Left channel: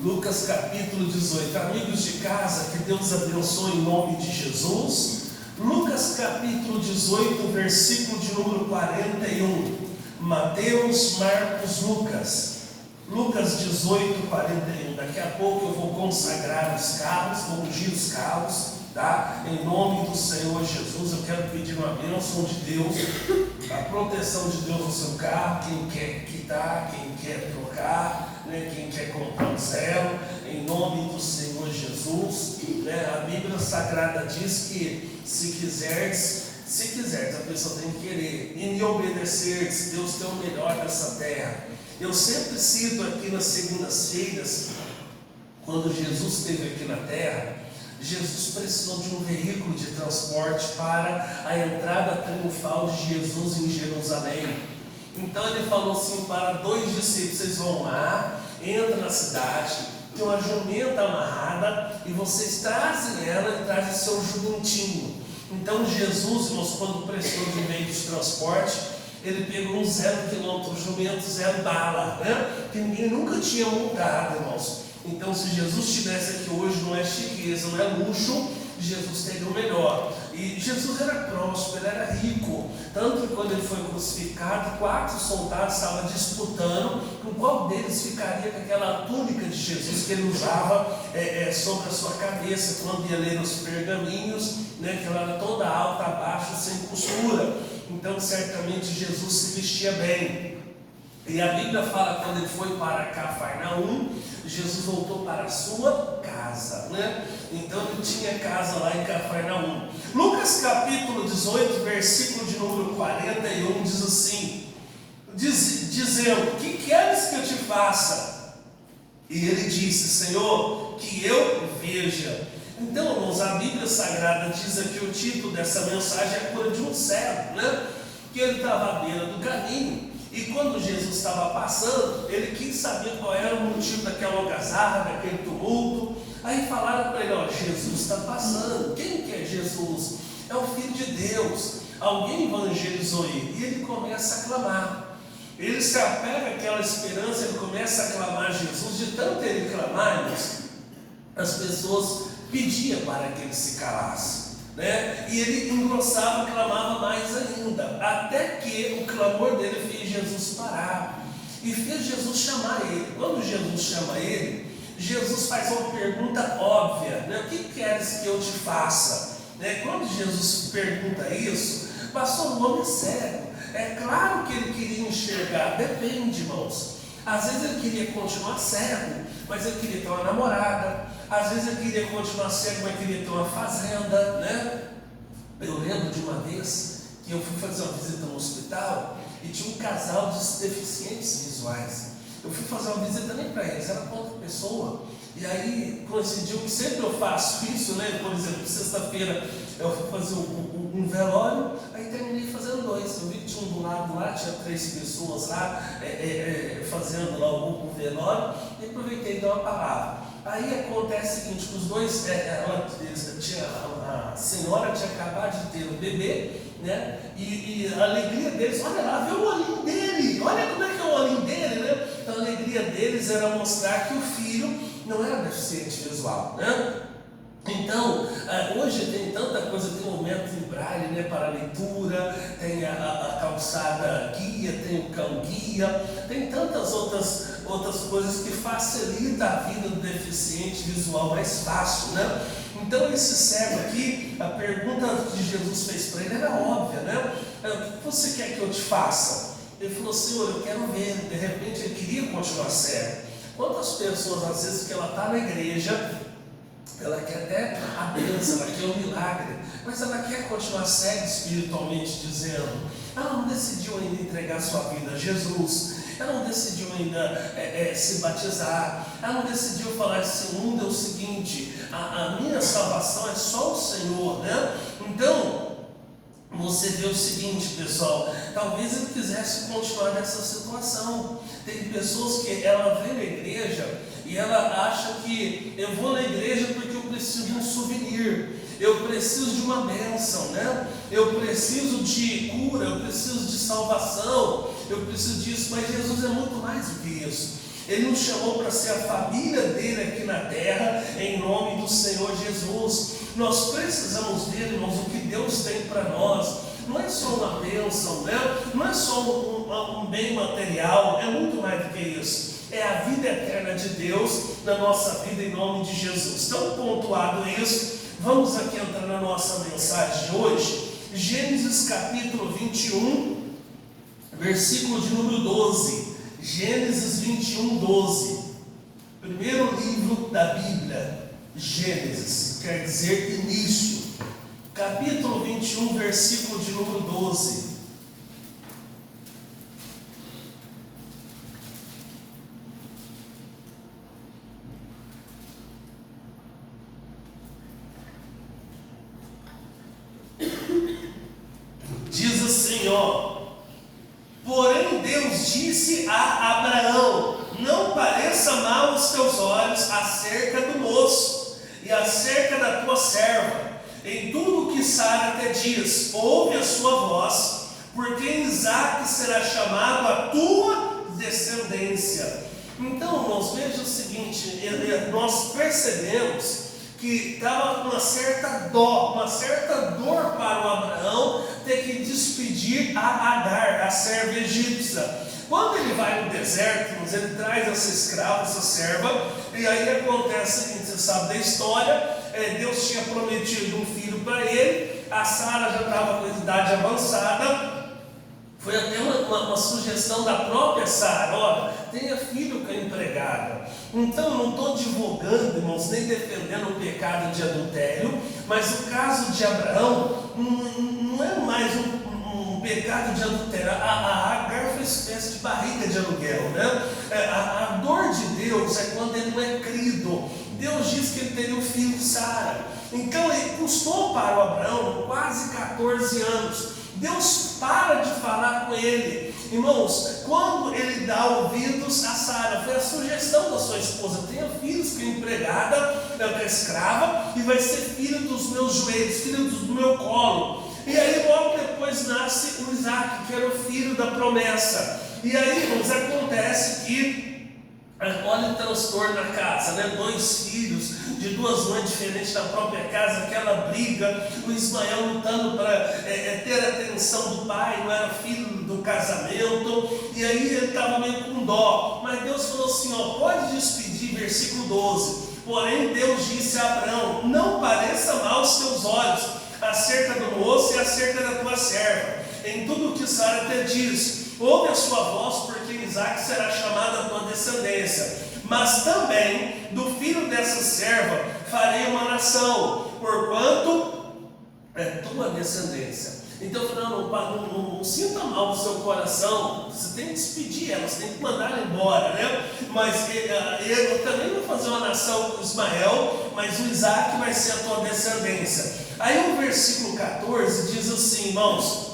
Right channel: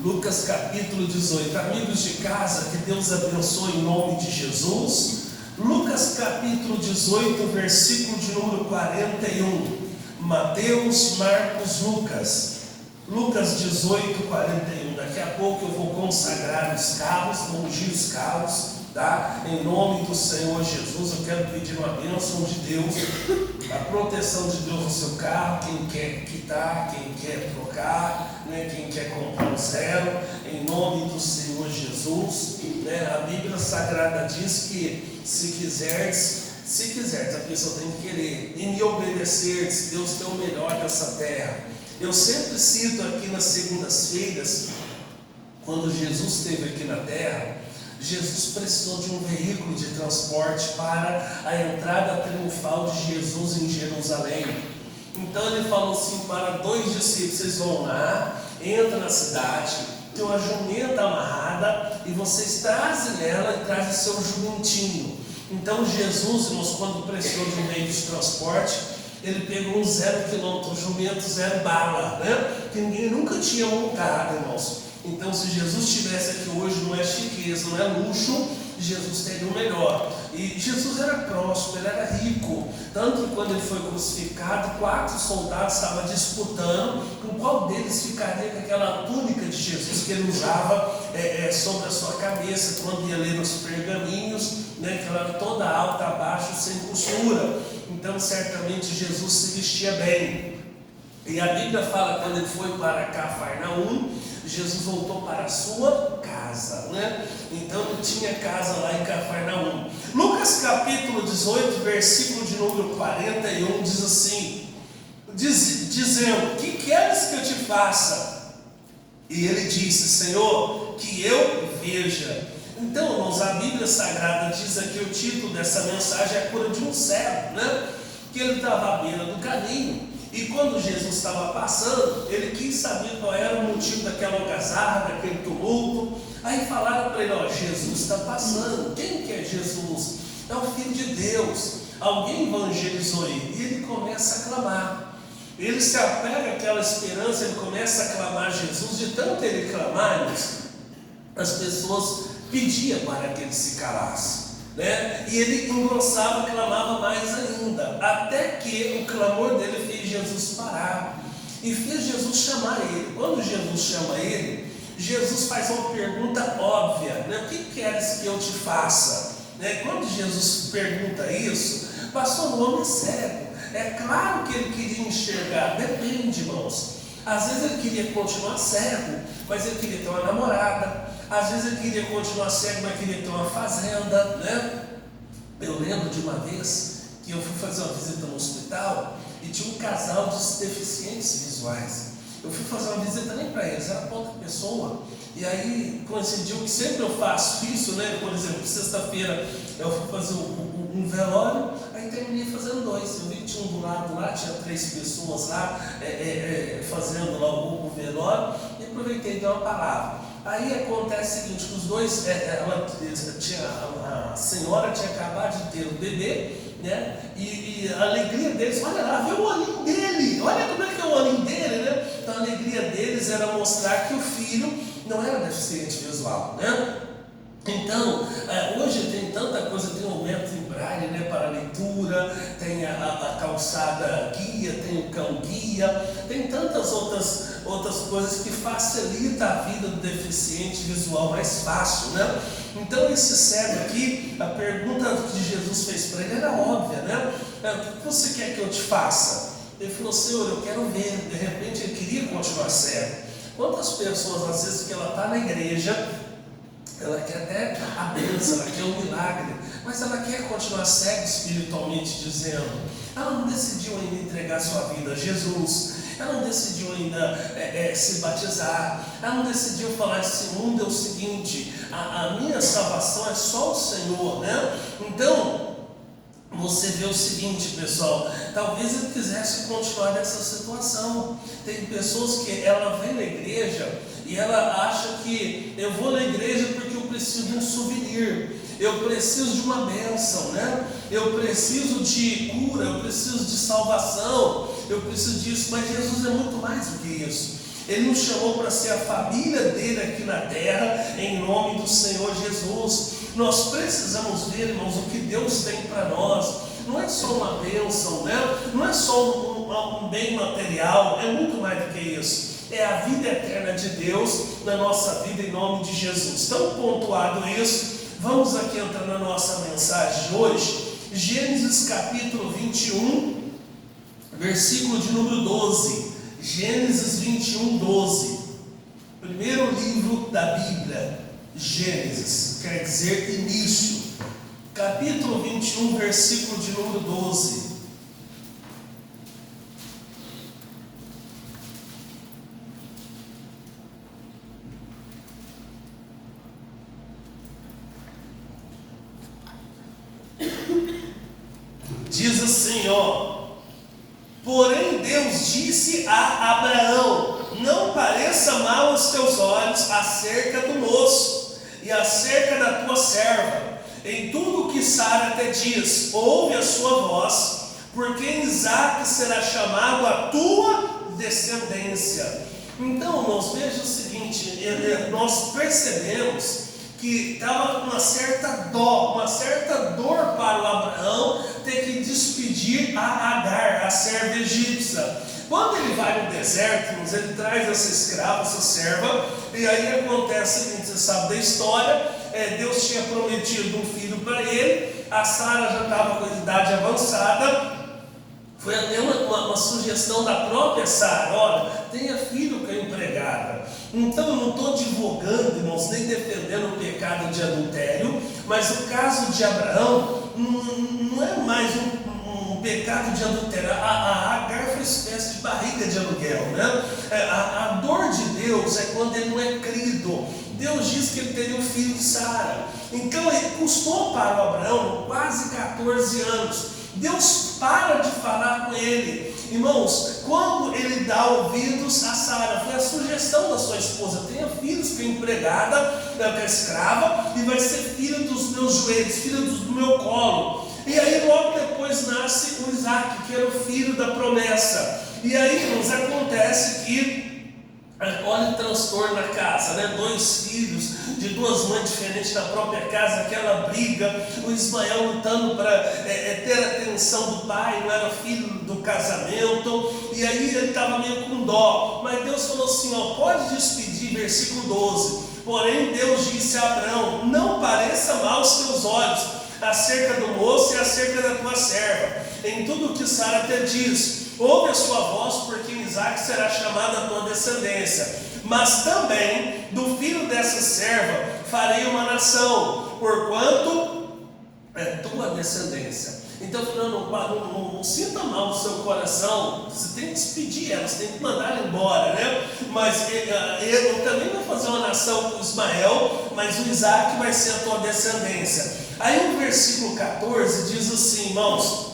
Lucas capítulo 18. Amigos de casa, que Deus abençoe em nome de Jesus. Lucas capítulo 18, versículo de número 41. Mateus, Marcos, Lucas. Lucas 18, 41. Daqui a pouco eu vou consagrar os carros, vou ungir os carros, tá? Em nome do Senhor Jesus, eu quero pedir uma bênção de Deus, a proteção de Deus no seu carro, quem quer quitar, quem quer trocar, né? Quem quer comprar um zero, em nome do Senhor Jesus, né? A Bíblia Sagrada diz que se quiseres, a pessoa tem que querer, e me obedecer, Deus tem o melhor dessa terra. Eu sempre cito aqui nas segundas-feiras, quando Jesus esteve aqui na terra, Jesus precisou de um veículo de transporte para a entrada triunfal de Jesus em Jerusalém. Então ele falou assim para dois discípulos: vocês vão lá, entram na cidade, tem uma jumenta amarrada e vocês trazem ela e trazem seu jumentinho. Então Jesus, irmãos, quando precisou de um meio de transporte, ele pegou um 0 km jumento, 0 bala, né? Que ninguém nunca tinha montado, irmãos. Então, se Jesus estivesse aqui hoje, não é chiqueza, não é luxo, Jesus teve o melhor. E Jesus era próspero, ele era rico. Tanto que quando ele foi crucificado, 4 soldados estavam disputando com qual deles ficaria com aquela túnica de Jesus que ele usava sobre a sua cabeça, quando ia ler os pergaminhos, né, que ela era toda alta, abaixo, sem costura. Então, certamente, Jesus se vestia bem. E a Bíblia fala, quando ele foi para Cafarnaum, Jesus voltou para a sua casa, né? Então ele tinha casa lá em Cafarnaum. Lucas capítulo 18, versículo de número 41, diz assim, dizendo: que queres que eu te faça? E ele disse: Senhor, que eu veja. Então, irmãos, a Bíblia Sagrada diz aqui, o título dessa mensagem é a cura de um cego, né? Que ele estava à beira do caminho. E quando Jesus estava passando, ele quis saber qual era o motivo daquela algazarra, daquele tumulto. Aí falaram para ele: ó, Jesus está passando. Quem que é Jesus? É o Filho de Deus. Alguém evangelizou ele. E ele começa a clamar. Ele se apega àquela esperança, ele começa a clamar a Jesus. De tanto ele clamar, as pessoas pediam para que ele se calasse, né? E ele engrossava, clamava mais ainda, até que o clamor dele fez Jesus parar e fez Jesus chamar ele. Quando Jesus chama ele, Jesus faz uma pergunta óbvia, né? O que queres que eu te faça? Né? Quando Jesus pergunta isso, pastor, o homem é cego. É claro que ele queria enxergar, depende, irmãos. Às vezes ele queria continuar cego, mas ele queria ter uma namorada. Às vezes ele queria continuar cego, mas queria ter uma fazenda, né? Eu lembro de uma vez que eu fui fazer uma visita no hospital e tinha um casal de deficientes visuais. Eu fui fazer uma visita nem para eles, era pouca pessoa. E aí coincidiu que sempre eu faço isso, né? Por exemplo, sexta-feira eu fui fazer um velório, aí terminei fazendo 2. Eu vi que tinha um do lado lá, tinha 3 pessoas lá fazendo lá o velório, e aproveitei e dei uma palavra. Aí acontece o seguinte, os dois, a senhora tinha acabado de ter o bebê, né? E a alegria deles, olha lá, vê o olhinho dele, olha como é que é o olhinho dele, né? Então a alegria deles era mostrar que o filho não era deficiente visual, né? Então, hoje tem tanta coisa, tem o método em braille, né, para leitura, tem a calçada guia, tem o cão guia, tem tantas outras coisas que facilitam a vida do deficiente visual mais fácil, né? Então esse cego aqui, a pergunta que Jesus fez para ele era óbvia, né? O que você quer que eu te faça? Ele falou: Senhor, eu quero ver. De repente ele queria continuar cego. Quantas pessoas, às vezes, que ela está na igreja, ela quer até a bênção, ela quer um milagre, mas ela quer continuar cega espiritualmente dizendo. Ela não decidiu ainda entregar sua vida a Jesus, ela não decidiu ainda se batizar, ela não decidiu falar: esse mundo é o seguinte, a minha salvação é só o Senhor, né? Então, você vê o seguinte, pessoal, talvez ele quisesse continuar nessa situação. Tem pessoas que ela vem na igreja e ela acha que eu vou na igreja porque eu preciso de um souvenir, eu preciso de uma bênção, né? Eu preciso de cura, eu preciso de salvação, eu preciso disso, mas Jesus é muito mais do que isso. Ele nos chamou para ser a família dele aqui na terra, em nome do Senhor Jesus. Nós precisamos ver, irmãos, o que Deus tem para nós. Não é só uma bênção, né? Não é só um bem material, é muito mais do que isso. É a vida eterna de Deus na nossa vida, em nome de Jesus. Então, pontuado isso, vamos aqui entrar na nossa mensagem de hoje. Gênesis capítulo 21, versículo de número 12. Gênesis 21, 12. Primeiro livro da Bíblia, Gênesis, quer dizer início. Capítulo 21, versículo de número 12. Diz assim, porém Deus disse a Abraão: não pareça mal aos teus olhos acerca do moço e acerca da tua serva. Em tudo que Sara te diz, ouve a sua voz, porque em Isaque será chamado a tua descendência. Então, irmãos, veja o seguinte, nós percebemos que estava uma certa dor para o Abraão ter que despedir a Agar, a serva egípcia. Quando ele vai no deserto, ele traz essa escrava, essa serva, e aí acontece o seguinte, você sabe da história. Deus tinha prometido um filho para ele, a Sara já estava com idade avançada, foi até uma sugestão da própria Sara: olha, tenha filho com a empregada. Então, eu não estou divulgando, irmãos, nem defendendo o pecado de adultério, mas o caso de Abraão não é mais um pecado de adultério. A Agar foi uma espécie de barriga de aluguel, né? A dor de Deus é quando ele não é crido. Deus disse que ele teria um filho de Sara. Então ele custou para o Abraão quase 14 anos. Deus para de falar com ele. Irmãos, quando ele dá ouvidos a Sara, foi a sugestão da sua esposa: tenha filhos com a empregada, com a escrava, e vai ser filho dos meus joelhos, filho do meu colo. E aí logo depois nasce o Isaque, que era o filho da promessa. E aí, irmãos, acontece que olha o transtorno na casa, né? 2 filhos de 2 mães diferentes na própria casa, aquela briga, o Ismael lutando para ter a atenção do pai, não era filho do casamento, e aí ele estava meio com dó, mas Deus falou assim, pode despedir, versículo 12, porém Deus disse a Abraão: não pareça mal aos teus olhos acerca do moço e acerca da tua serva, em tudo o que Sara te diz, ouve a sua voz, porque em Isaque será chamada a tua descendência, mas também do filho dessa serva farei uma nação, porquanto é tua descendência. Então, não sinta mal no seu coração, você tem que despedir ela, você tem que mandar ela embora, né? Mas eu também vou fazer uma nação com Ismael, mas o Isaque vai ser a tua descendência. Aí o versículo 14 diz assim, irmãos:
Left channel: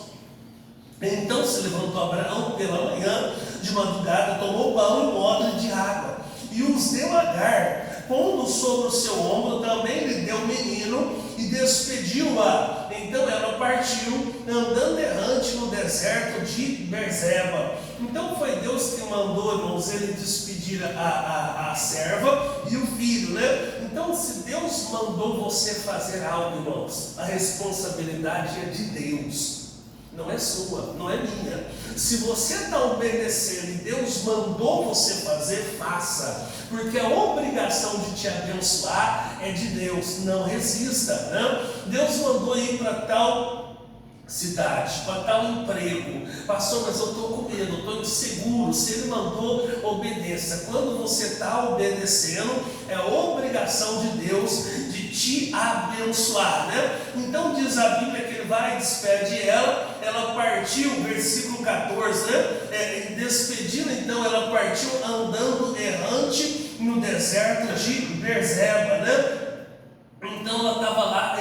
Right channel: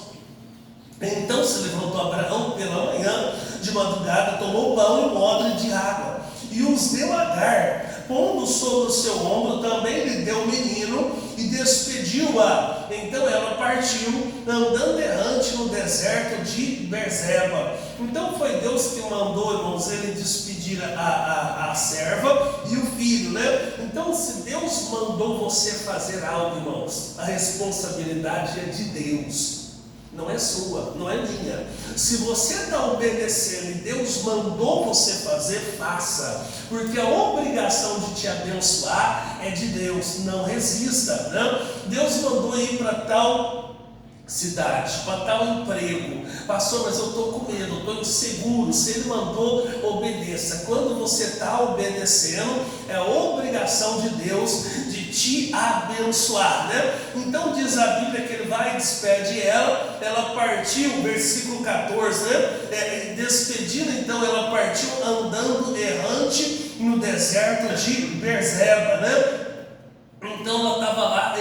então se levantou Abraão pela manhã, de madrugada, tomou pão e um odre de água, e os deu a Agar, pondo sobre o seu ombro, também lhe deu o menino, e despediu-a. Então ela partiu, andando errante no deserto de Berseba. Então foi Deus que mandou, irmãos, ele despedir a serva e o filho, né? Então, se Deus mandou você fazer algo, irmãos, a responsabilidade é de Deus, não é sua, não é minha. Se você está obedecendo e Deus mandou você fazer, faça, porque a obrigação de te abençoar é de Deus. Não resista, né? Deus mandou ir para tal cidade, para tal emprego. Pastor, mas eu estou com medo, eu estou inseguro. Se ele mandou, obedeça. Quando você está obedecendo, é a obrigação de Deus de te abençoar, né? Então diz a Bíblia que ele vai e despede ela partiu, versículo 14, né? Despedindo, então ela partiu andando errante no deserto de Berseba, né? Então ela estava lá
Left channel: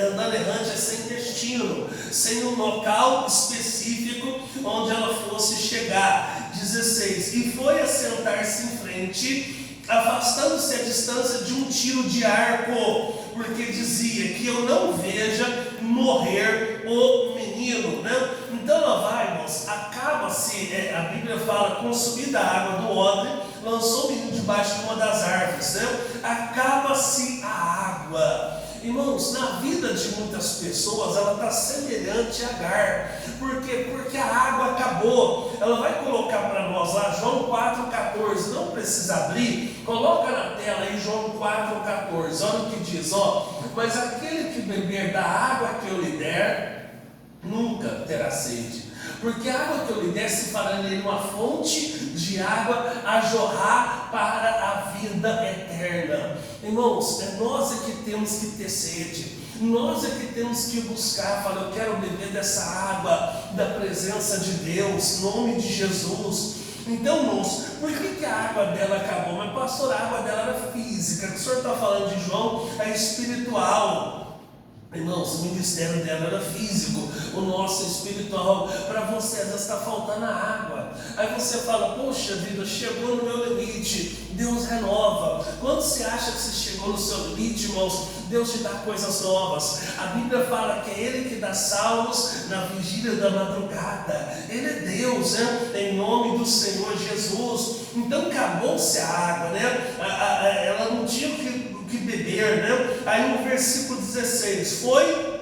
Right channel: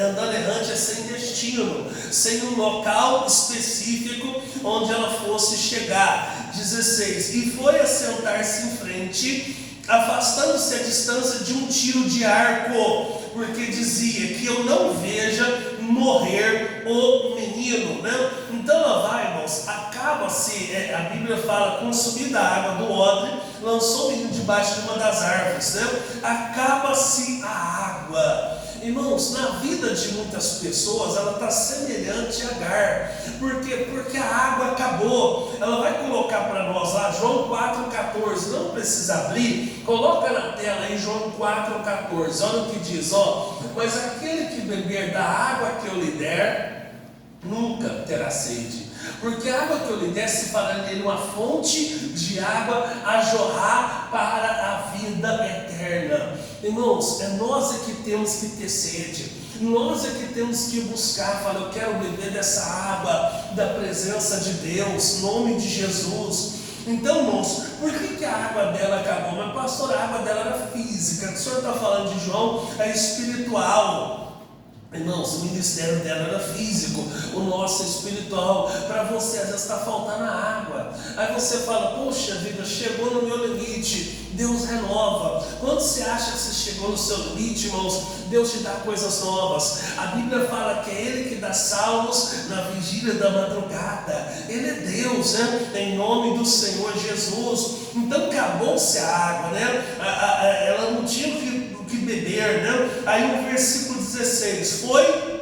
andando errante, sem destino, sem um local específico onde ela fosse chegar. 16, e foi assentar-se em frente, afastando-se a distância de um tiro de arco, porque dizia: que eu não veja morrer o menino, né? Então ela vai, irmãos, acaba-se, a Bíblia fala, consumida a água do odre, lançou o menino debaixo de uma das árvores, né? Acaba-se a água. Irmãos, na vida de muitas pessoas, ela está semelhante a Agar. Por quê? Porque a água acabou. Ela vai colocar para nós lá, João 4,14. Não precisa abrir, coloca na tela aí João 4,14. Olha o que diz, ó. Mas aquele que beber da água que eu lhe der, nunca terá sede. Porque a água que eu lhe der se fará nele uma fonte de água a jorrar para a vida eterna. Irmãos, é nós é que temos que ter sede. Nós é que temos que buscar. Fala, eu quero beber dessa água da presença de Deus, em nome de Jesus. Então, irmãos, por que a água dela acabou? Mas pastor, a água dela era física. O senhor está falando de João, é espiritual. Irmãos, o ministério dela era físico, o nosso é espiritual. Para você, às vezes está faltando a água. Aí você fala, poxa vida, chegou no meu limite. Deus renova. Quando você acha que você chegou no seu limite, irmãos, Deus te dá coisas novas. A Bíblia fala que é Ele que dá salmos na vigília da madrugada. Ele é Deus, né? Em nome do Senhor Jesus. Então acabou-se a água, né? Ela não tinha o que beber, né? Aí no versículo 16, foi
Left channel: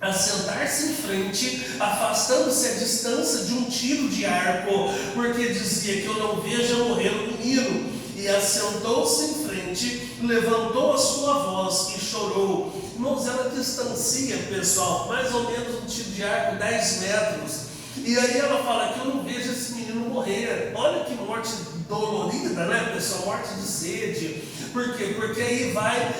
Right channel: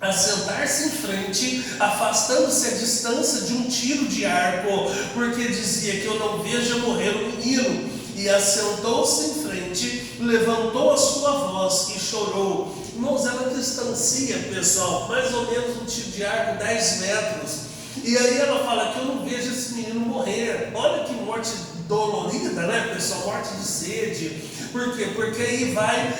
a sentar-se em frente, afastando-se a distância de um tiro de arco, porque dizia que eu não vejo morrer o menino. E assentou-se em frente, levantou a sua voz e chorou. Irmãos, ela distancia, pessoal, mais ou menos um tiro de arco, 10 metros. E aí ela fala que eu não vejo esse menino morrer. Olha que morte dolorida, né, pessoal? Morte de sede. Por quê? Porque aí vai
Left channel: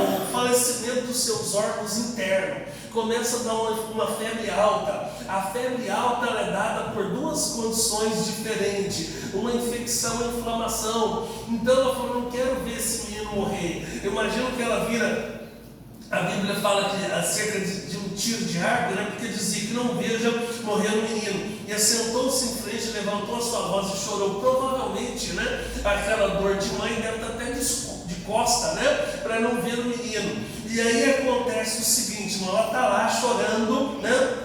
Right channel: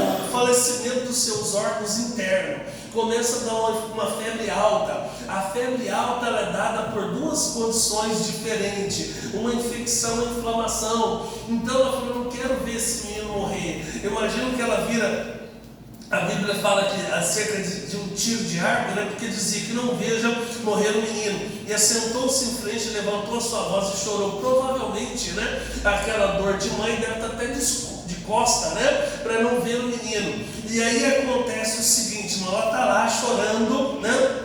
o falecimento dos seus órgãos internos. Começa a dar uma febre alta. A febre alta ela é dada por duas condições diferentes: uma infecção e uma inflamação. Então ela falou, não quero ver esse menino morrer. Eu imagino que ela vira. A Bíblia fala que acerca de um tiro de arco, né? Porque dizia que não veja morrer o menino. E assentou-se em frente, levantou a sua voz e chorou. Provavelmente, né? Aquela dor de mãe deve estar até de costa, né? Para não ver o menino. E aí acontece o seguinte, ela está lá chorando, né?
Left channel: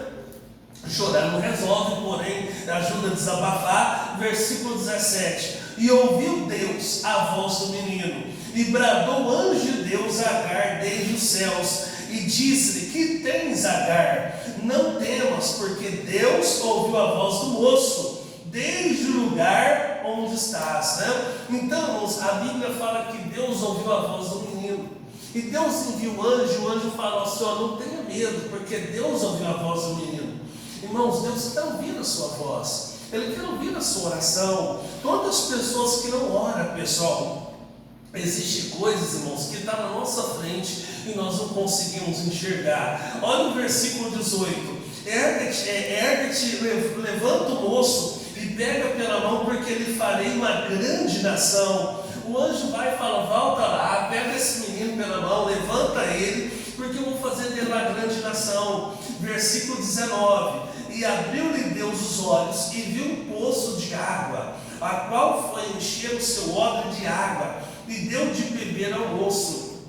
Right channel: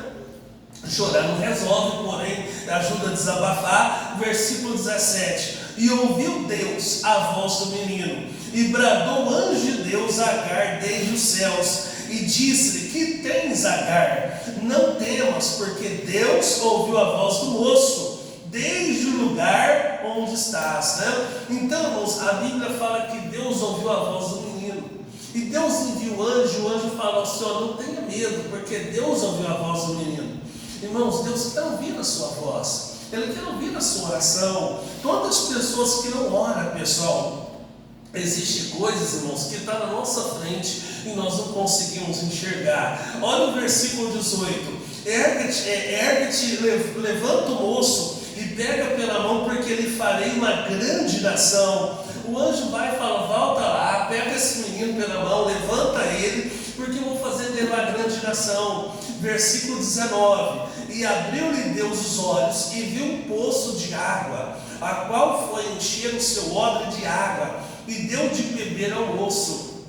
Chorar não resolve, porém ajuda a desabafar. Versículo 17. E ouviu Deus a voz do menino, e bradou o anjo de Deus a Agar desde os céus, e disse-lhe, que tens, Agar? Não temas, porque Deus ouviu a voz do moço, desde o lugar onde estás, né? Então, irmãos, a Bíblia fala que Deus ouviu a voz do menino, e Deus enviou o anjo falou assim, não tenha medo, porque Deus ouviu a voz do menino. Irmãos, Deus está ouvindo a sua voz, Ele quer ouvir a sua oração. Todas as pessoas que não oram, pessoal, existem coisas, irmãos, que estão na nossa frente e nós não conseguimos enxergar. Olha o versículo 18. Ergue-te, levanta o moço e pega pela mão, porque lhe farei uma grande nação. O anjo vai e fala, volta lá, pega esse menino pela mão, levanta ele, porque eu vou fazer dele uma grande nação. Versículo 19. E abriu-lhe Deus os olhos e viu um poço de água, a qual foi encher o seu odre de água, e deu de beber ao moço.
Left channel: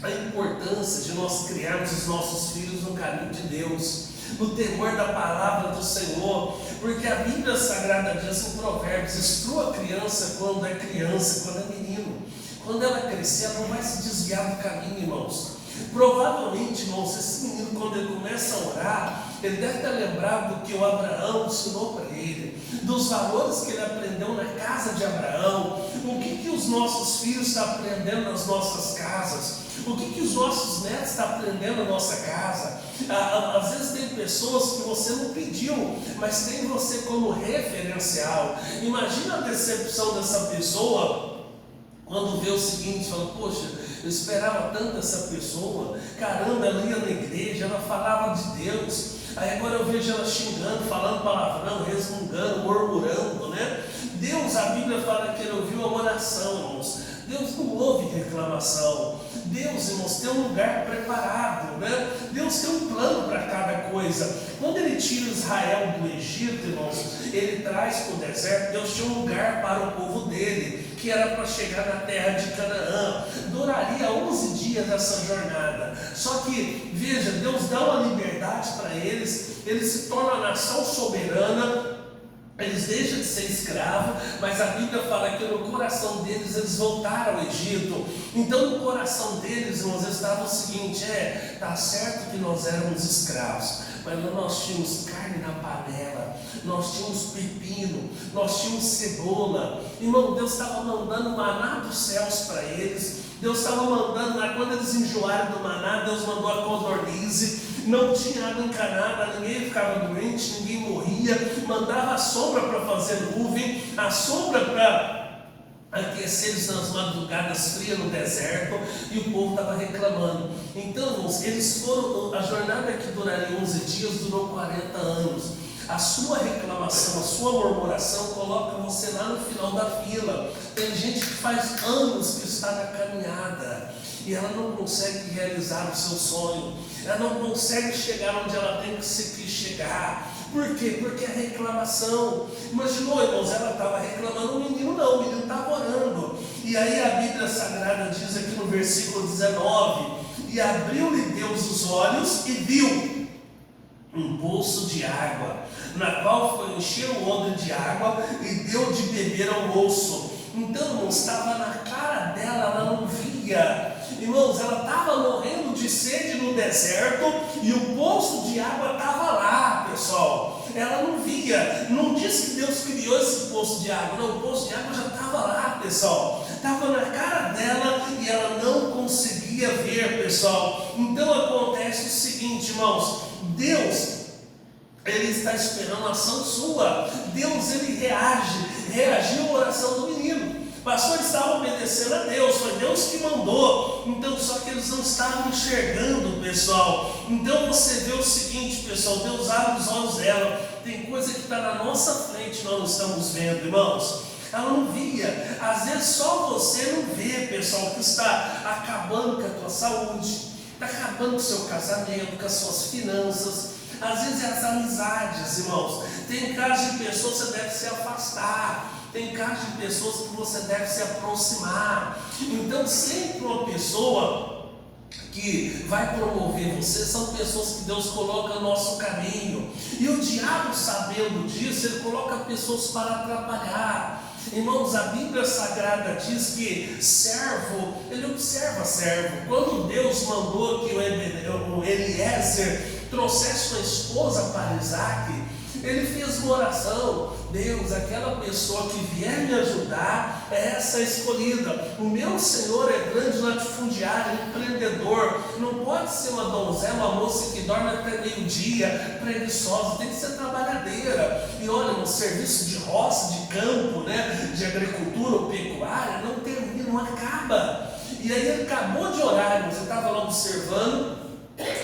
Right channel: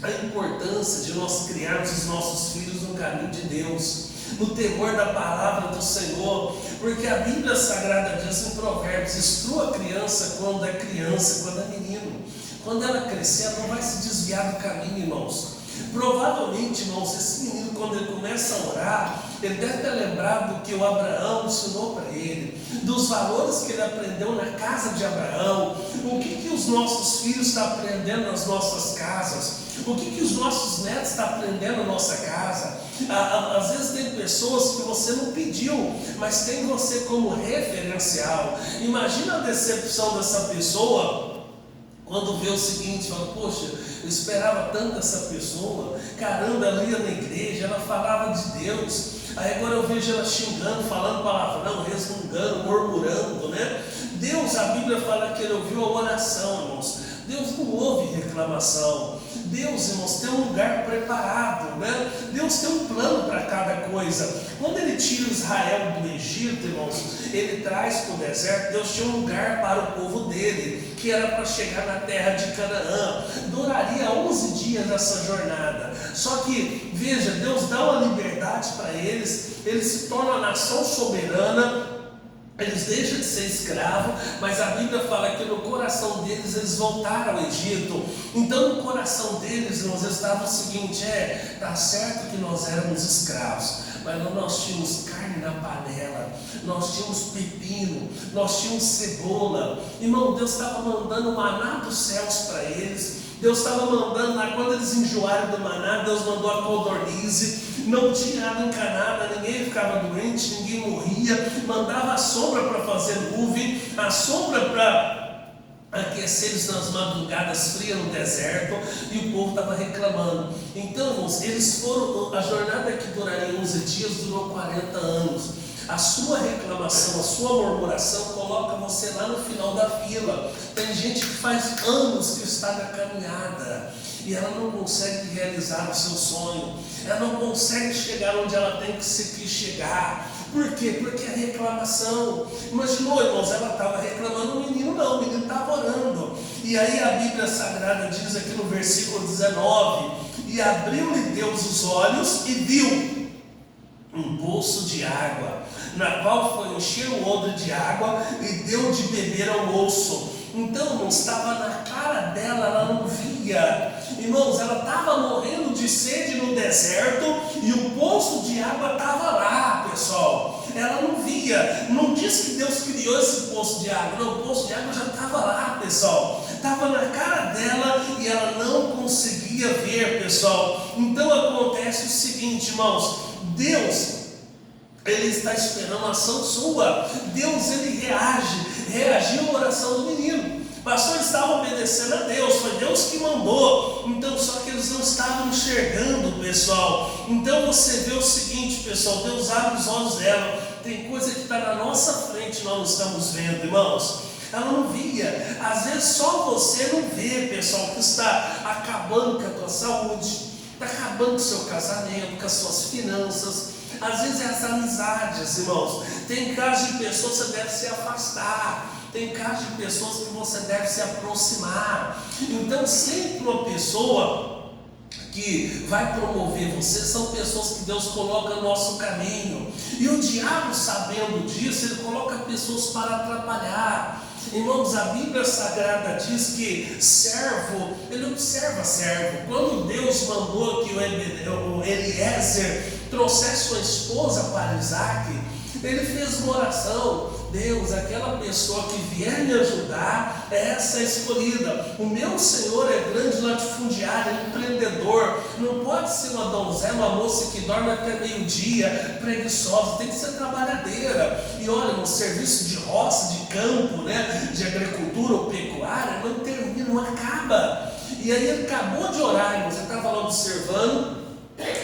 A importância de nós criarmos os nossos filhos no caminho de Deus, no temor da palavra do Senhor, porque a Bíblia Sagrada diz em Provérbios, instrua a criança quando é criança, quando é menino. Quando ela crescer, ela não vai se desviar do caminho, irmãos. Provavelmente, irmãos, esse menino, quando ele começa a orar, ele deve ter lembrado do que o Abraão ensinou para ele, dos valores que ele aprendeu na casa de Abraão, o que os nossos filhos estão aprendendo nas nossas casas, o que os nossos netos estão aprendendo na nossa casa. Às vezes tem pessoas que você não pediu, mas tem você como referencial. Imagina a decepção dessa pessoa quando vê o seguinte, fala, poxa, eu esperava tanto dessa pessoa, caramba, ela ia na igreja, ela falava de Deus, aí agora eu vejo ela xingando, falando palavrão, resmungando, murmurando, né? Deus, a Bíblia fala que Ele ouviu a oração, irmãos. Deus não ouve reclamação. Deus, irmãos, tem um lugar preparado, né? Deus tem um plano para cada coisa. Quando Ele tira Israel do Egito, irmãos, Ele traz para o deserto. Deus tinha um lugar para o povo dele, que era para chegar na terra de Canaã. Duraria 11 dias dessa jornada. Só que, veja, Deus dá uma liberdade para eles. Eles se tornam a nação soberana. Eles deixam de ser escravos, mas a Bíblia fala que no coração deles eles voltaram ao Egito. Então no coração deles, irmãos, estava o seguinte: tá certo que nós éramos escravos, mas nós tínhamos carne na panela, nós tínhamos pepino, nós tínhamos cebola. Irmão, Deus estava mandando maná dos céus para eles. Deus estava mandando lá, quando eles enjoaram do maná, Deus mandou a codornize. Não tinha água encanada, ninguém ficava doente, ninguém morria. Mandava a sombra para fazer nuvem, a sombra para aquecer eles nas madrugadas frias no deserto, e o povo estava reclamando. Então, irmãos, eles foram, a jornada que duraria 11 dias durou 40 anos. A sua reclamação, a sua murmuração coloca você lá no final da fila. Tem gente que faz anos que está na caminhada e ela não consegue realizar o seu sonho, ela não consegue chegar onde ela tem que chegar. Por quê? Porque a reclamação. Imaginou, irmãos, ela estava reclamando, o menino estava orando. E aí a Bíblia Sagrada diz aqui no versículo 19: e abriu-lhe Deus os olhos e viu um poço de água, na qual foi encher o odre de água e deu de beber ao moço. Então, irmãos, estava na cara dela, ela não via. Irmãos, ela estava morrendo de sede no deserto e o poço de água estava lá, pessoal. Ela não via. Não diz que Deus criou esse poço de água, não, o poço de água já estava lá, pessoal. Estava na cara dela e ela não conseguia ver, pessoal. Então acontece o seguinte, irmãos: Deus, Ele está esperando a ação sua. Deus, Ele reagiu à oração do menino. O pastor estava obedecendo a Deus, foi Deus que mandou. Então, só que eles não estavam enxergando, pessoal. Então você vê o seguinte, pessoal: Deus abre os olhos dela. Tem coisa que está na nossa frente, nós não estamos vendo, irmãos. Ela não via. Às vezes só você não vê, pessoal, que está acabando com a tua saúde, está acabando com o seu casamento, com as suas finanças. Às vezes é as amizades, irmãos. Tem casos de pessoas que você deve se afastar. Tem casos de pessoas que você deve se aproximar. Então sempre uma pessoa que vai promover você são pessoas que Deus coloca no nosso caminho. E o diabo, sabendo disso, ele coloca pessoas para atrapalhar. Irmãos, a Bíblia Sagrada diz que servo, ele observa servo. Quando Deus mandou que o Eliezer trouxesse sua esposa para Isaac, ele fez uma oração: Deus, aquela pessoa que vier me ajudar é essa escolhida. O meu Senhor é grande latifundiário, é empreendedor. Não pode ser uma donzela, uma moça que dorme até meio-dia, preguiçosa, tem que ser trabalhadeira. E olha, no serviço de roça, de campo, né, de agricultura ou pecuária, não termina, não acaba. E aí ele acabou de orar, irmãos, ele estava lá observando.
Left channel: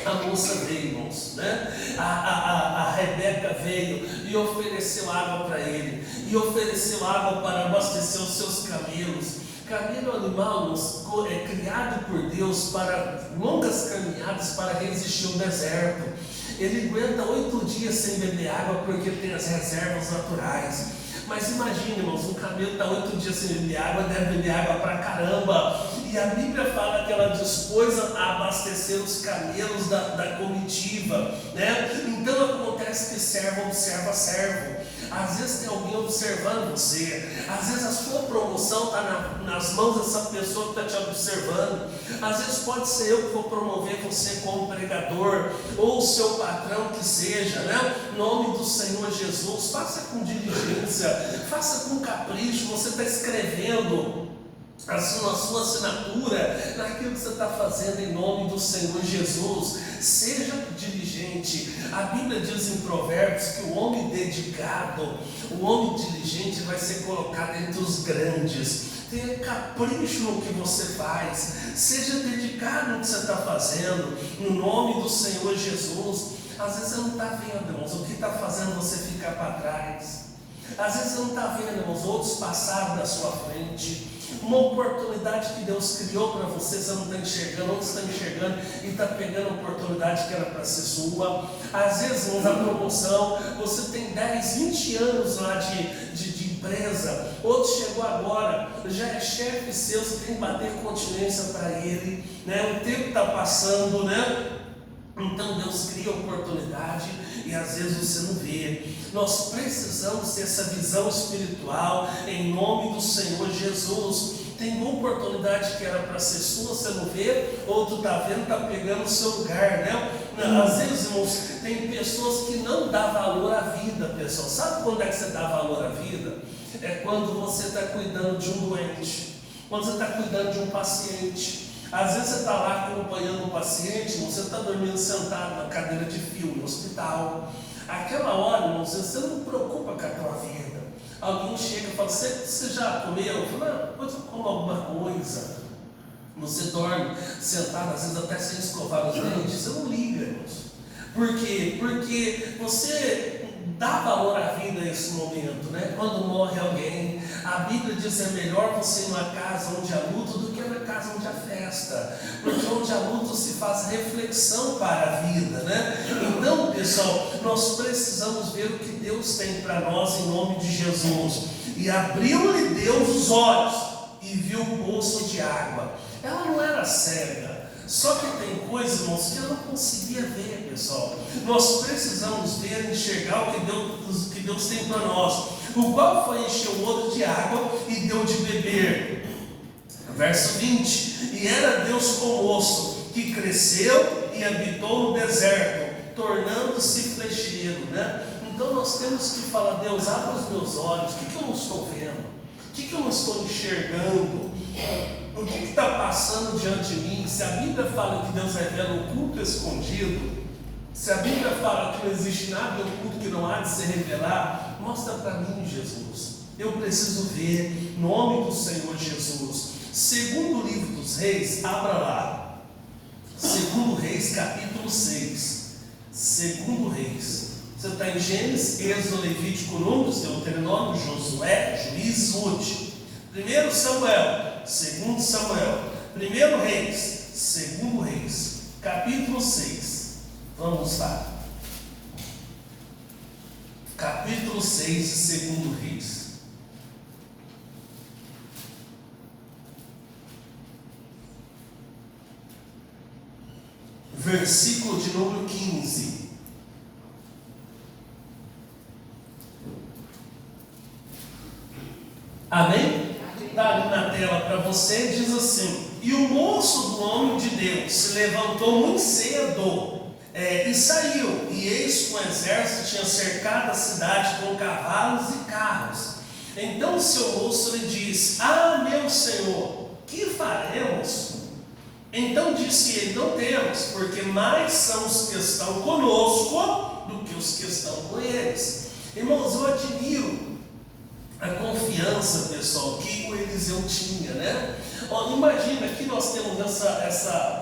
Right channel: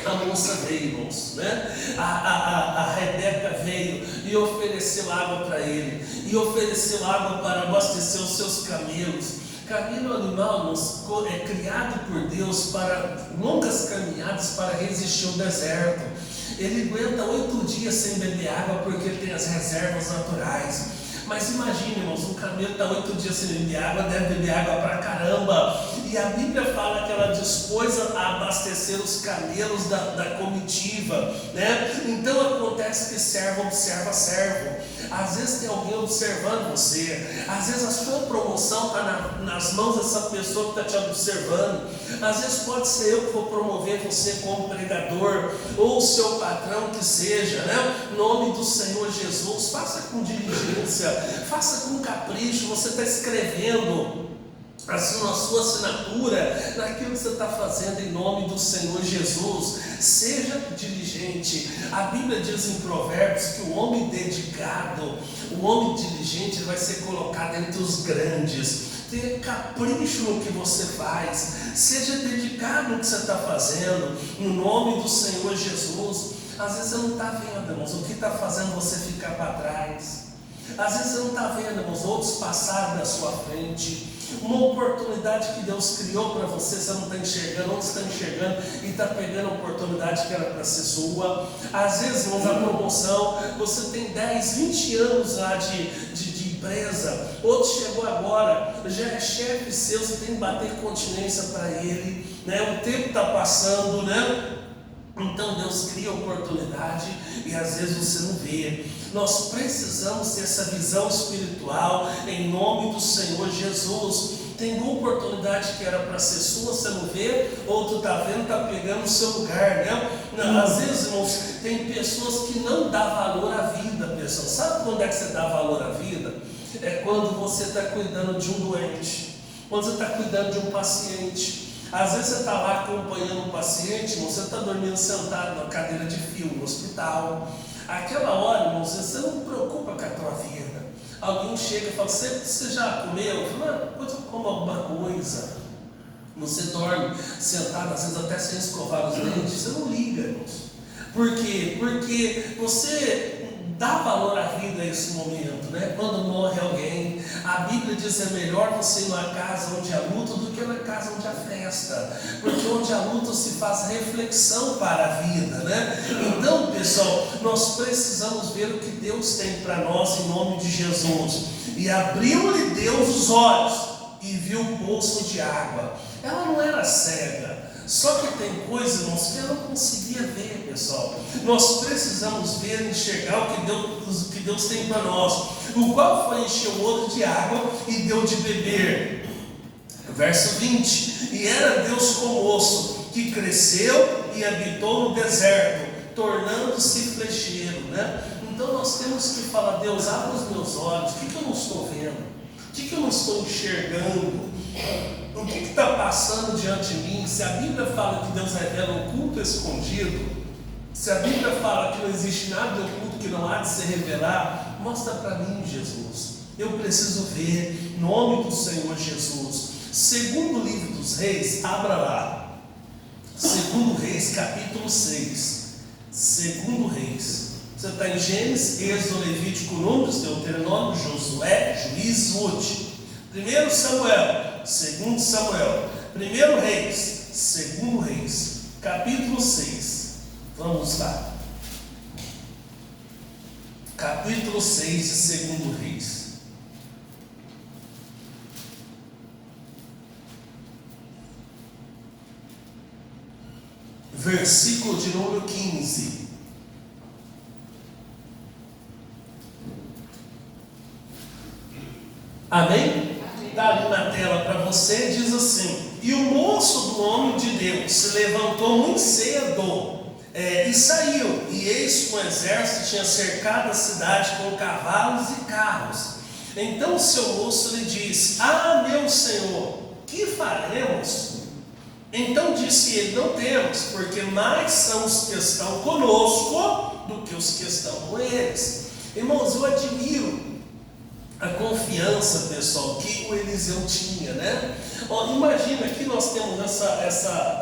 A moça veio, irmãos, né? A Rebeca veio e ofereceu água para ele, e ofereceu água para abastecer os seus camelos. Camelo animal, irmãos, é criado por Deus para longas caminhadas, para resistir ao deserto. Ele aguenta 8 dias sem beber água porque tem as reservas naturais. Mas imagine, irmãos, um camelo está 8 dias sem beber água, deve beber água pra caramba. E a Bíblia fala que ela dispôs a abastecer os camelos da comitiva, né? Então acontece que servo observa servo. Às vezes tem alguém observando você. Às vezes a sua promoção está nas mãos dessa pessoa que está te observando. Às vezes pode ser eu que vou promover você como pregador, ou o seu patrão que seja, né? Em nome do Senhor Jesus, faça com diligência, faça com capricho. Você está escrevendo a sua assinatura naquilo que você está fazendo em nome do Senhor Jesus. Seja diligente. A Bíblia diz em Provérbios que o homem dedicado, o homem diligente vai ser colocado entre os grandes. Tenha capricho no que você faz, seja dedicado no que você está fazendo, no nome do Senhor Jesus. Às vezes você não está vendo, irmãos, o que está fazendo você ficar para trás. Às vezes você não está vendo, irmãos, outros passaram na sua frente. Uma oportunidade que Deus criou para você, você não está enxergando, outros estão enxergando e está pegando a oportunidade que era para ser sua. Às vezes, irmãos, a promoção, você tem 10, 20 anos lá de empresa, outro chegou agora, já é chefe seu, você tem que bater continência para ele, né? O tempo está passando, né? Então Deus cria oportunidade e às vezes você não vê. Nós precisamos ter essa visão espiritual em nome do Senhor Jesus. Tem uma oportunidade que era para ser sua, você não vê, outro está vendo, está pegando o seu lugar, né? Às vezes, irmãos, tem pessoas que não dão valor à vida, pessoal. Sabe quando é que você dá valor à vida? É quando você está cuidando de um doente, quando você está cuidando de um paciente. Às vezes você está lá acompanhando um paciente, você está dormindo sentado na cadeira de fio no hospital. Aquela hora, irmãos, você não preocupa com a tua vida. Alguém chega e fala, você já comeu? Eu falo, não, eu como alguma coisa. Você dorme sentado, às vezes até sem escovar os dentes, você não liga, irmãos. Por quê? Porque você dá valor à vida nesse momento, né? Quando morre alguém, a Bíblia diz que é melhor você ir numa casa onde há luto do que numa casa onde há festa, porque onde há luto se faz reflexão para a vida, né? Então, pessoal, nós precisamos ver o que Deus tem para nós em nome de Jesus. E abriu-lhe Deus os olhos e viu o poço de água. Ela não era cega, só que tem coisas, irmãos, que eu não conseguia ver, pessoal. Nós precisamos ver e enxergar o que Deus tem para nós. O qual foi encher o odre de água e deu de beber. Verso 20: e era Deus como osso, que cresceu e habitou no deserto, tornando-se flecheiro, né? Então nós temos que falar, Deus, abre os meus olhos, o que eu não estou vendo? O que eu não estou enxergando? O que está passando diante de mim? Se a Bíblia fala que Deus revela o oculto escondido, se a Bíblia fala que não existe nada oculto que não há de se revelar, mostra para mim, Jesus. Eu preciso ver, em nome do Senhor Jesus. Segundo livro dos Reis, abra lá. Segundo Reis, capítulo 6. Segundo Reis. Você está em Gênesis, Êxodo, Levítico, Números, Deuteronômio, Josué, Juízes, Ruth. 1 Samuel, 2 Samuel, 1 Reis, 2 Reis, capítulo 6. Vamos lá. Capítulo 6 de 2 Reis. Versículo de número 15. Amém? Está ali na tela para você, diz assim: e o moço do homem de Deus se levantou muito cedo e saiu, e eis que o exército tinha cercado a cidade com cavalos e carros. Então o seu moço lhe disse: ah, meu senhor, que faremos? Então disse ele: não temos, porque mais são os que estão conosco do que os que estão com eles. Irmãos, eu admiro a confiança, pessoal, que o Eliseu tinha, né? Imagina que nós temos essa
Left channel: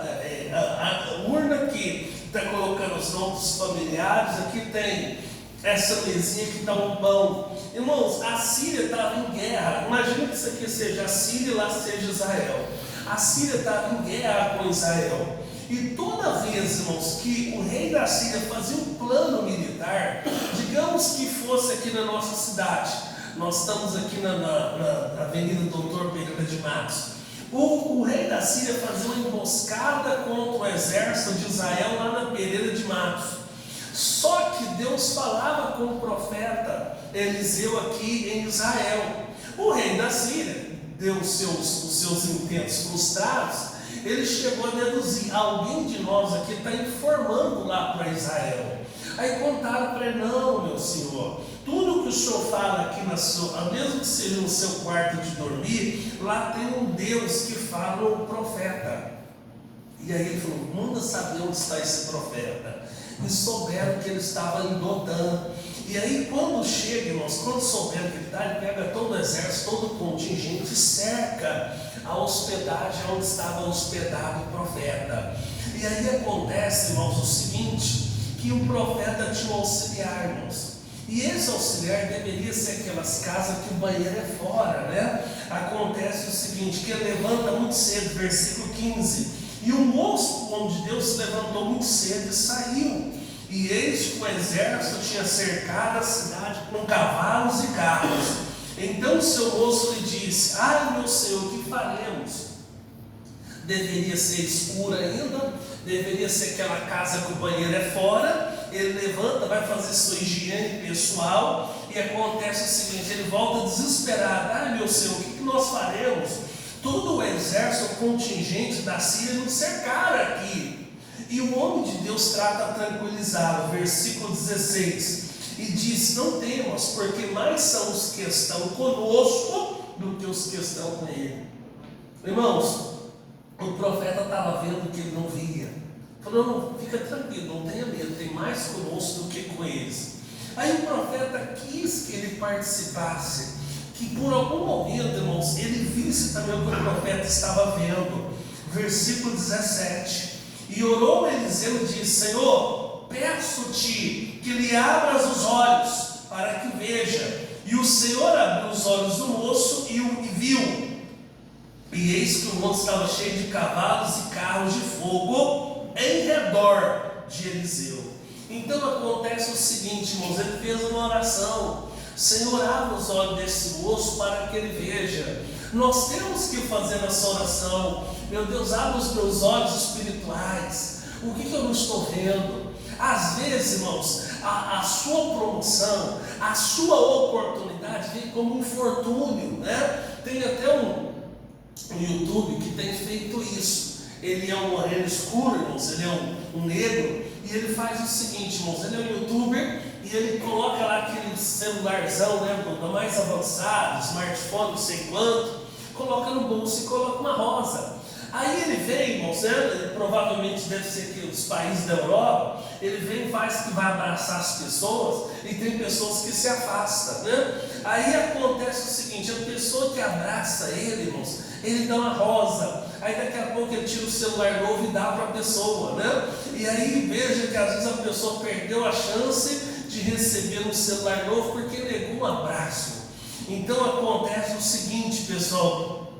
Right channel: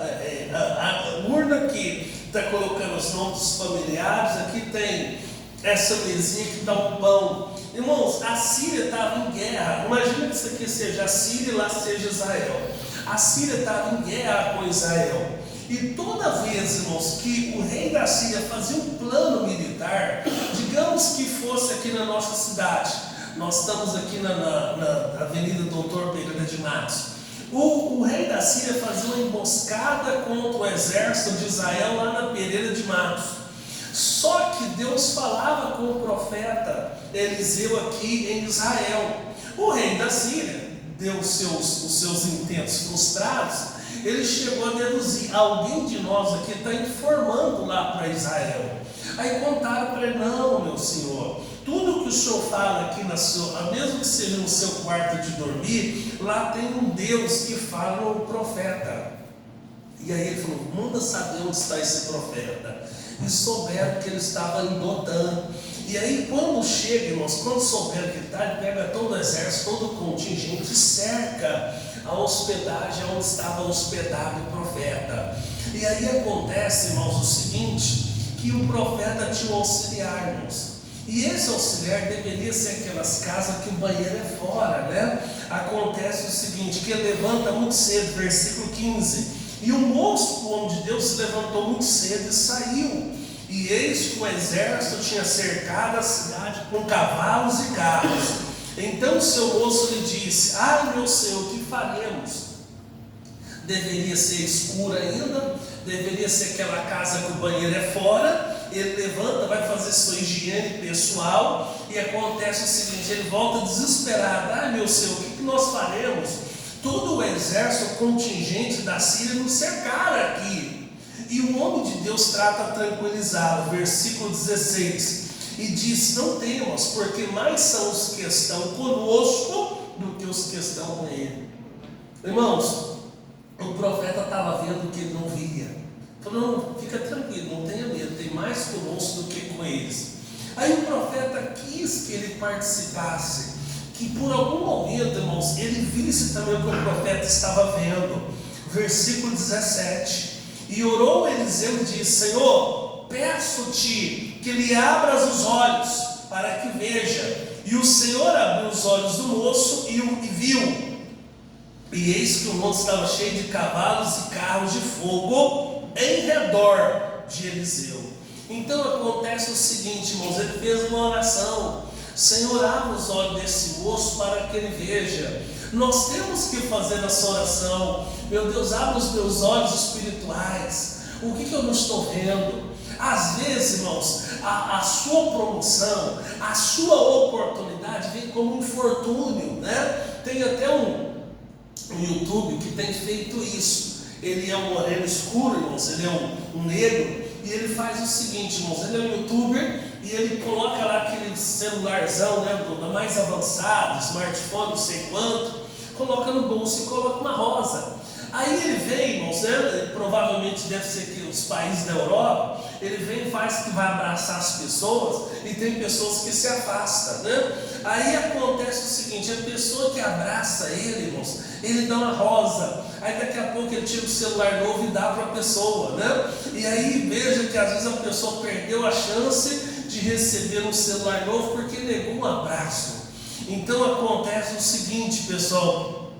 urna que está colocando os nomes dos familiares, aqui tem essa mesinha que dá um pão. Irmãos, a Síria estava em guerra. Imagina que isso aqui seja a Síria e lá seja Israel. A Síria estava em guerra com Israel. E toda vez, irmãos, que o rei da Síria fazia um plano militar, digamos que fosse aqui na nossa cidade, nós estamos aqui na Avenida Doutor Pereira de Matos. O rei da Síria fazia uma emboscada contra o exército de Israel lá na Pereira de Matos. Só que Deus falava com o profeta Eliseu aqui em Israel. O rei da Síria deu os seus intentos frustrados. Ele chegou a deduzir: alguém de nós aqui está informando lá para Israel. Aí contaram para ele: não, meu senhor, tudo que o senhor fala aqui mesmo que seja no seu quarto de dormir, lá tem um Deus que fala o profeta. E aí ele falou: manda saber onde está esse profeta. E souberam que ele estava em Dotã. E aí quando chega, irmãos, quando souberam que ele está, ele pega todo o exército, todo o contingente e cerca a hospedagem onde estava hospedado o profeta. E aí acontece, irmãos, o seguinte, que o profeta tinha um auxiliar, irmãos. E esse auxiliar deveria ser aquelas casas que o banheiro é fora, né? Acontece o seguinte, que ele levanta muito cedo, versículo 15. E o moço, o homem de Deus, se levantou muito cedo e saiu. E eis que o exército tinha cercado a cidade com cavalos e carros. Então o seu moço lhe disse: ai, meu senhor, o que faremos? Deveria ser escuro ainda, deveria ser aquela casa que o banheiro é fora, ele levanta, vai fazer sua higiene pessoal, e acontece o seguinte, ele volta desesperado. Ah, meu Senhor, o que nós faremos? Todo o exército contingente da Síria nos cercaram aqui. E o homem de Deus trata a tranquilizá-lo, versículo 16, e diz: não temas, porque mais são os que estão conosco do que os que estão com ele. Irmãos, o profeta estava vendo que ele não via. Falou: não, fica tranquilo, não tenha medo, tem mais conosco do que com eles. Aí o profeta quis que ele participasse, que por algum momento, irmãos, ele visse também o que o profeta estava vendo. Versículo 17: e orou Eliseu e disse: Senhor, peço-te que lhe abras os olhos para que veja. E o Senhor abriu os olhos do moço e viu. E eis que o moço estava cheio de cavalos e carros de fogo em redor de Eliseu. Então acontece o seguinte, irmãos, ele fez uma oração: Senhor, abre os olhos desse moço para que ele veja. Nós temos que fazer essa oração. Meu Deus, abre os meus olhos espirituais. O que eu não estou vendo? Às vezes, irmãos, a sua promoção, a sua oportunidade vem como um infortúnio, né? Tem até um YouTube que tem feito isso. Ele é um moreno escuro, irmãos, ele é um negro, e ele faz o seguinte, irmãos, ele é um youtuber, e ele coloca lá aquele celularzão, né, do mais avançado, smartphone, não sei quanto, coloca no bolso e coloca uma rosa. Aí ele vem, irmãos, né, provavelmente deve ser aqui os países da Europa, ele vem e faz que vai abraçar as pessoas, e tem pessoas que se afastam, né? Aí acontece o seguinte: a pessoa que abraça ele, irmãos, ele dá uma rosa. Aí daqui a pouco ele tira o celular novo e dá para a pessoa, né? E aí veja que às vezes a pessoa perdeu a chance de receber um celular novo porque negou um abraço. Então acontece o seguinte, pessoal:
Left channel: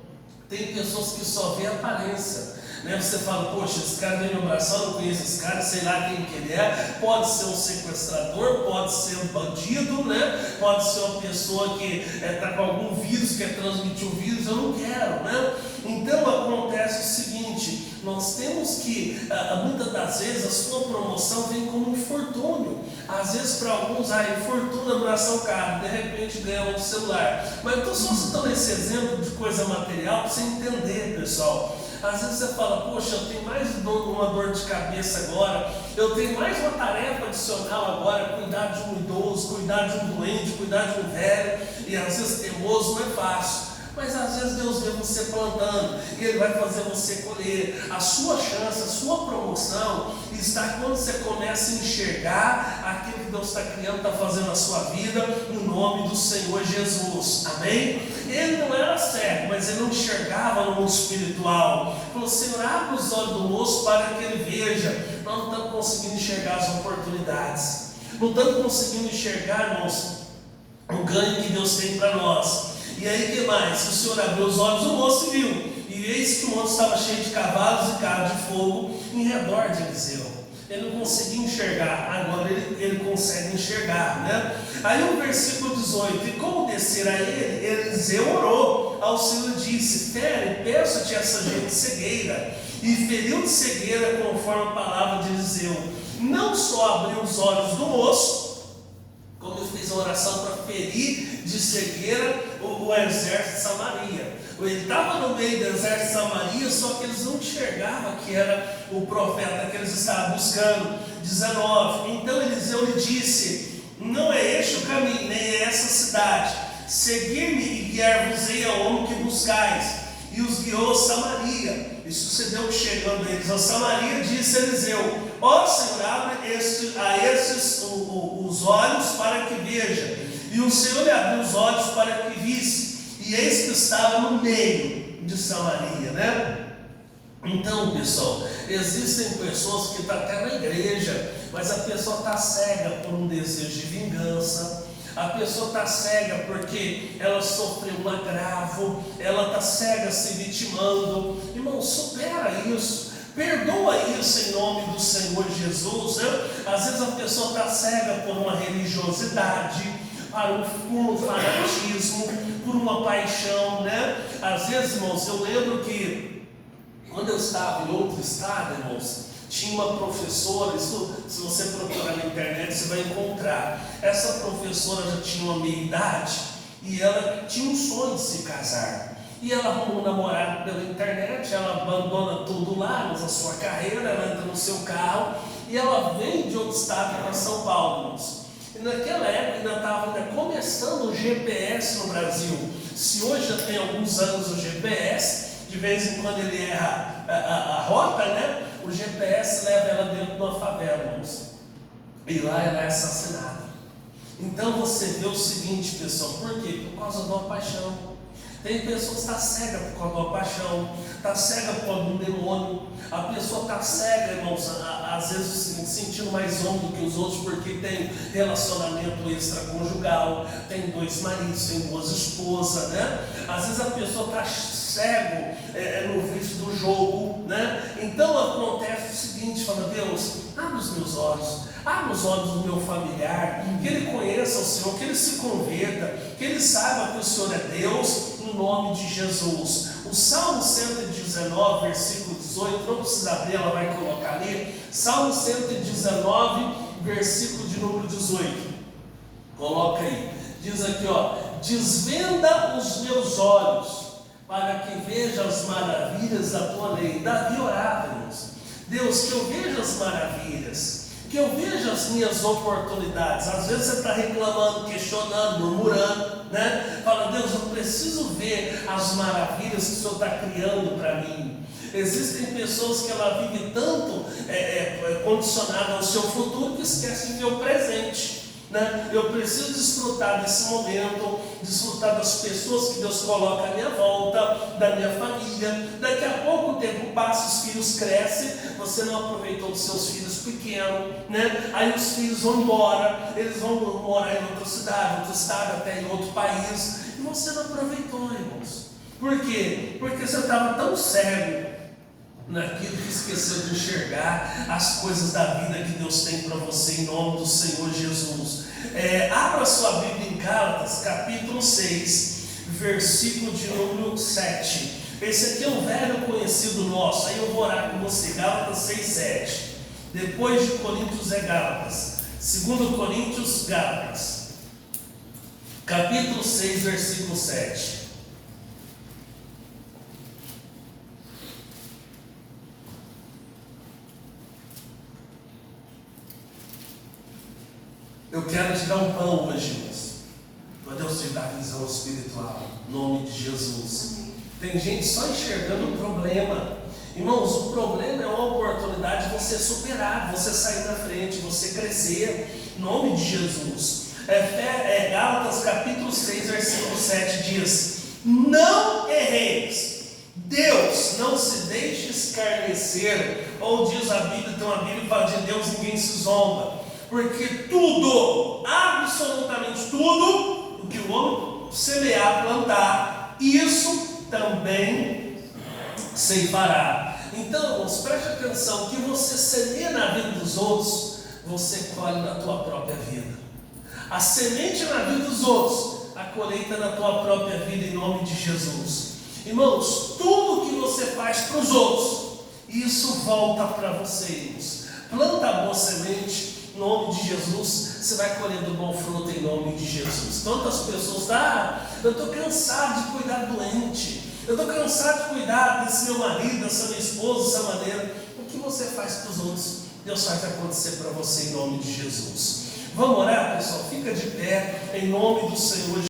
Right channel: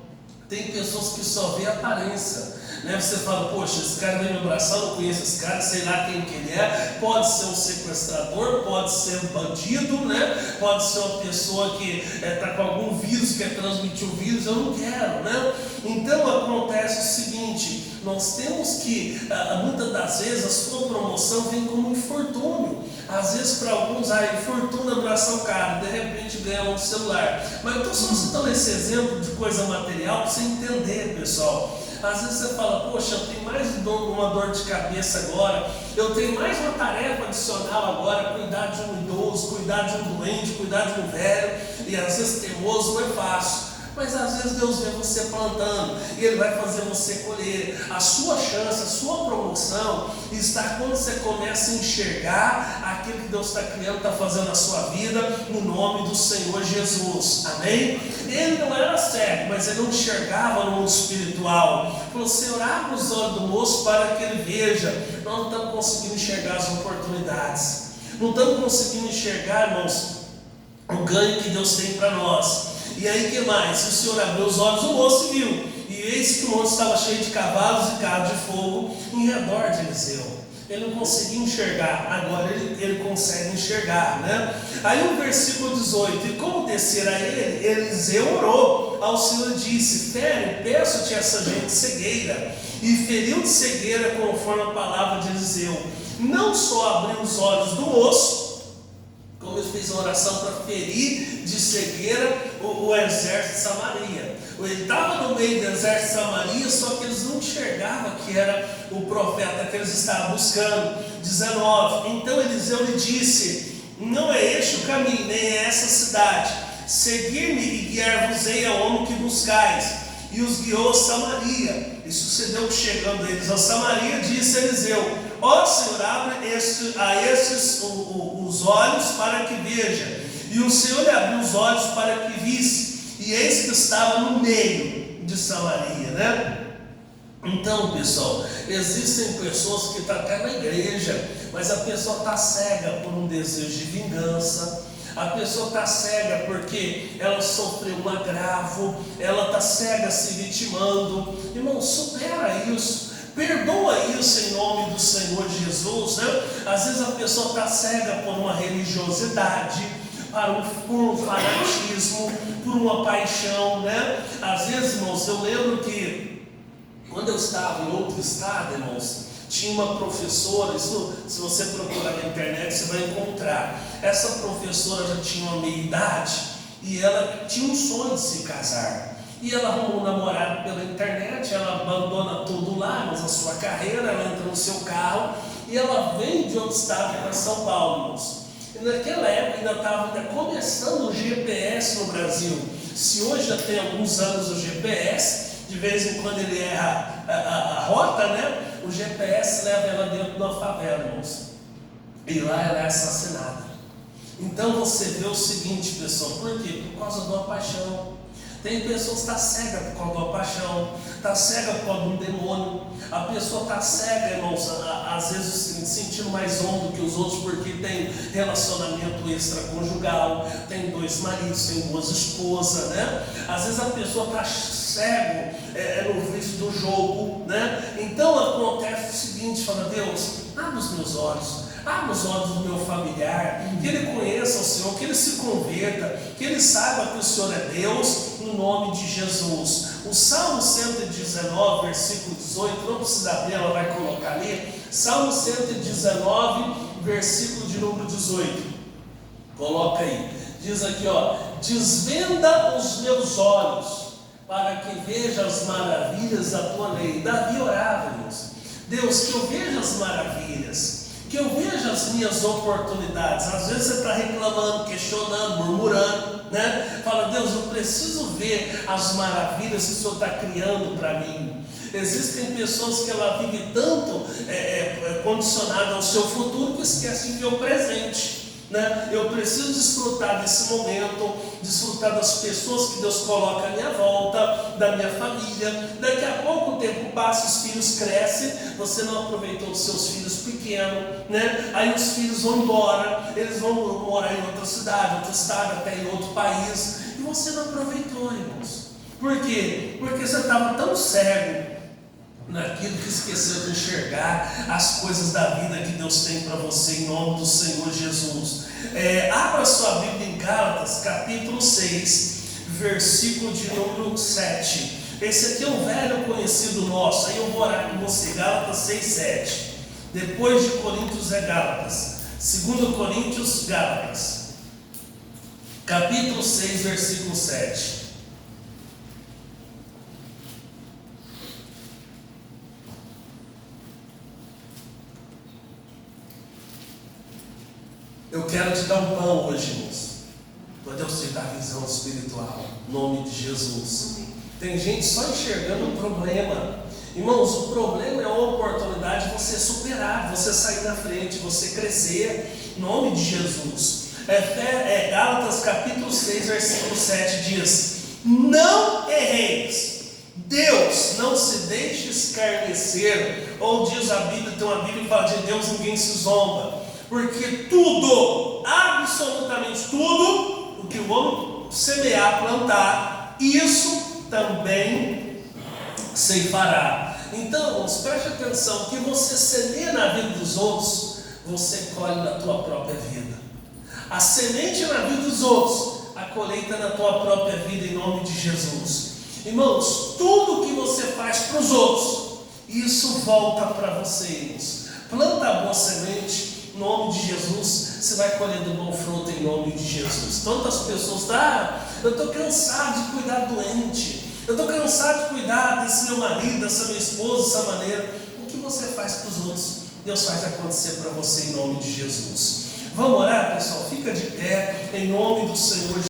tem pessoas que só vê a aparência, né? Você fala: poxa, esse cara vem me abraçar, eu não conheço esse cara, sei lá quem que ele é. Pode ser um sequestrador, pode ser um bandido, né? Pode ser uma pessoa que está com algum vírus, quer transmitir o vírus, eu não quero, né? Então acontece o seguinte: nós temos que, muitas das vezes, a sua promoção vem como um infortúnio. Às vezes para alguns, infortúnio, abraçar o cara, de repente ganha um celular. Mas eu estou só citando esse exemplo de coisa material para você entender, pessoal. Às vezes você fala: poxa, eu tenho mais uma dor de cabeça agora, eu tenho mais uma tarefa adicional agora, cuidar de um idoso, cuidar de um doente, cuidar de um velho, e às vezes teimoso não é fácil. Mas às vezes Deus vê você plantando e Ele vai fazer você colher. A sua chance, a sua promoção está quando você começa a enxergar aquilo que Deus está criando, está fazendo na sua vida, no nome do Senhor Jesus. Amém? Ele não era cego, mas ele não enxergava no mundo espiritual. Falou: Senhor, abre os olhos do moço para que ele veja. Nós não estamos conseguindo enxergar as oportunidades, não estamos conseguindo enxergar, irmãos, o ganho que Deus tem para nós. E aí que mais? O Senhor abriu os olhos do moço e viu. E eis que o moço estava cheio de cavalos e carros de fogo em redor de Eliseu. Ele não conseguia enxergar, agora ele consegue enxergar, né? Aí o versículo 18: e como descer a ele, Eliseu orou ao Senhor e disse: fere, peço-te essa gente cegueira. E feriu de cegueira conforme a palavra de Eliseu. Não só abriu os olhos do moço, como ele fez uma oração para ferir de cegueira o exército de Samaria. Ele estava no meio do exército de Samaria, só que eles não enxergavam que era o profeta que eles estavam buscando. 19: então Eliseu lhe disse: não é este o caminho, nem é essa cidade. Segui-me e guiar-vos-ei ao homem que buscais. E os guiou a Samaria. E sucedeu que, chegando eles a Samaria, disse Eliseu: ó Senhor, abre a estes os olhos para que veja. E o Senhor lhe abriu os olhos para que visse. E eis que estava no meio de Samaria, né? Então, pessoal, existem pessoas que estão até na igreja, mas a pessoa está cega por um desejo de vingança. A pessoa está cega porque ela sofreu um agravo, ela está cega se vitimando. Irmão, supera isso, perdoa isso em nome do Senhor Jesus, né? Às vezes a pessoa está cega por uma religiosidade, por um fanatismo, por uma paixão, né? Às vezes, irmãos, eu lembro que quando eu estava em outro estado, irmãos, Tinha uma professora, isso, se você procurar na internet, você vai encontrar. Essa professora já tinha uma meia-idade e ela tinha um sonho de se casar. E ela arrumou um namorado pela internet, ela abandona tudo lá, mas a sua carreira, ela entra no seu carro e ela vem de outro estado para São Paulo, irmãos. E naquela época ainda estava começando o GPS no Brasil. Se hoje já tem alguns anos o GPS, de vez em quando ele erra a rota, né? O GPS leva ela dentro de uma favela, irmãos. E lá ela é assassinada. Então você vê o seguinte, pessoal, por quê? Por causa de uma paixão. Tem pessoas que estão cegas por causa de uma paixão, está cega por causa de um demônio. A pessoa está cega, irmãos, às vezes se sentindo mais homem do que os outros, porque tem relacionamento extraconjugal, tem 2 maridos, tem 2 esposas, né? Às vezes a pessoa está cego no vício do jogo, né? Então acontece o seguinte, fala: Deus, abre os meus olhos. Abre os olhos do meu familiar, que ele conheça o Senhor, que ele se converta, que ele saiba que o Senhor é Deus, no nome de Jesus. O Salmo 119, versículo 18, não precisa abrir, ela vai colocar ali. Salmo 119, versículo de número 18. Coloca aí. Diz aqui, desvenda os meus olhos, para que veja as maravilhas da tua lei. Davi orava, irmãos. Deus, que eu veja as maravilhas, que eu veja as minhas oportunidades. Às vezes você está reclamando, questionando, murmurando, né? Fala: Deus, eu preciso ver as maravilhas que o Senhor está criando para mim. Existem pessoas que ela vive tanto condicionada ao seu futuro que esquece de ver o presente, né? Eu preciso desfrutar desse momento, desfrutar das pessoas que Deus coloca à minha volta, da minha família. Daqui a pouco o tempo passa, os filhos crescem, você não aproveitou os seus filhos pequenos, né? Aí os filhos vão embora, eles vão morar em outra cidade, outro estado, até em outro país, e você não aproveitou, irmãos. Por quê? Porque você estava tão cego naquilo que esqueceu de enxergar as coisas da vida que Deus tem para você, em nome do Senhor Jesus. Abra sua Bíblia em Gálatas, capítulo 6, versículo de número 7. Esse aqui é um velho conhecido nosso. Aí eu vou orar com você. Gálatas 6, 7. Depois de Coríntios é Gálatas. 2 Coríntios, Gálatas, capítulo 6, versículo 7. Eu quero te dar um pão hoje, irmãos, para Deus te dar visão espiritual, em nome de Jesus. Tem gente só enxergando o problema. Irmãos, o problema é uma oportunidade de você superar, você sair na frente, você crescer, em nome de Jesus. Gálatas capítulo 6, versículo 7 diz: não erreis, Deus não se deixe escarnecer. Ou diz a Bíblia, tem uma Bíblia que fala: de Deus ninguém se zomba. Porque tudo, absolutamente tudo, o que o homem semear, plantar, isso também ceifará. Então, irmãos, preste atenção: que você semeia na vida dos outros, você colhe na tua própria vida. A semente na vida dos outros, a colheita na tua própria vida, em nome de Jesus. Irmãos, tudo que você faz para os outros, isso volta para vocês. Planta a boa semente, em nome de Jesus, você vai colher do bom fruto, em nome de Jesus. Tantas pessoas, eu estou cansado de cuidar doente, eu estou cansado de cuidar desse meu marido, dessa minha esposa, dessa maneira. O que você faz para os outros, Deus faz acontecer para você, em nome de Jesus. Vamos orar, pessoal? Fica de pé, em nome do Senhor Jesus.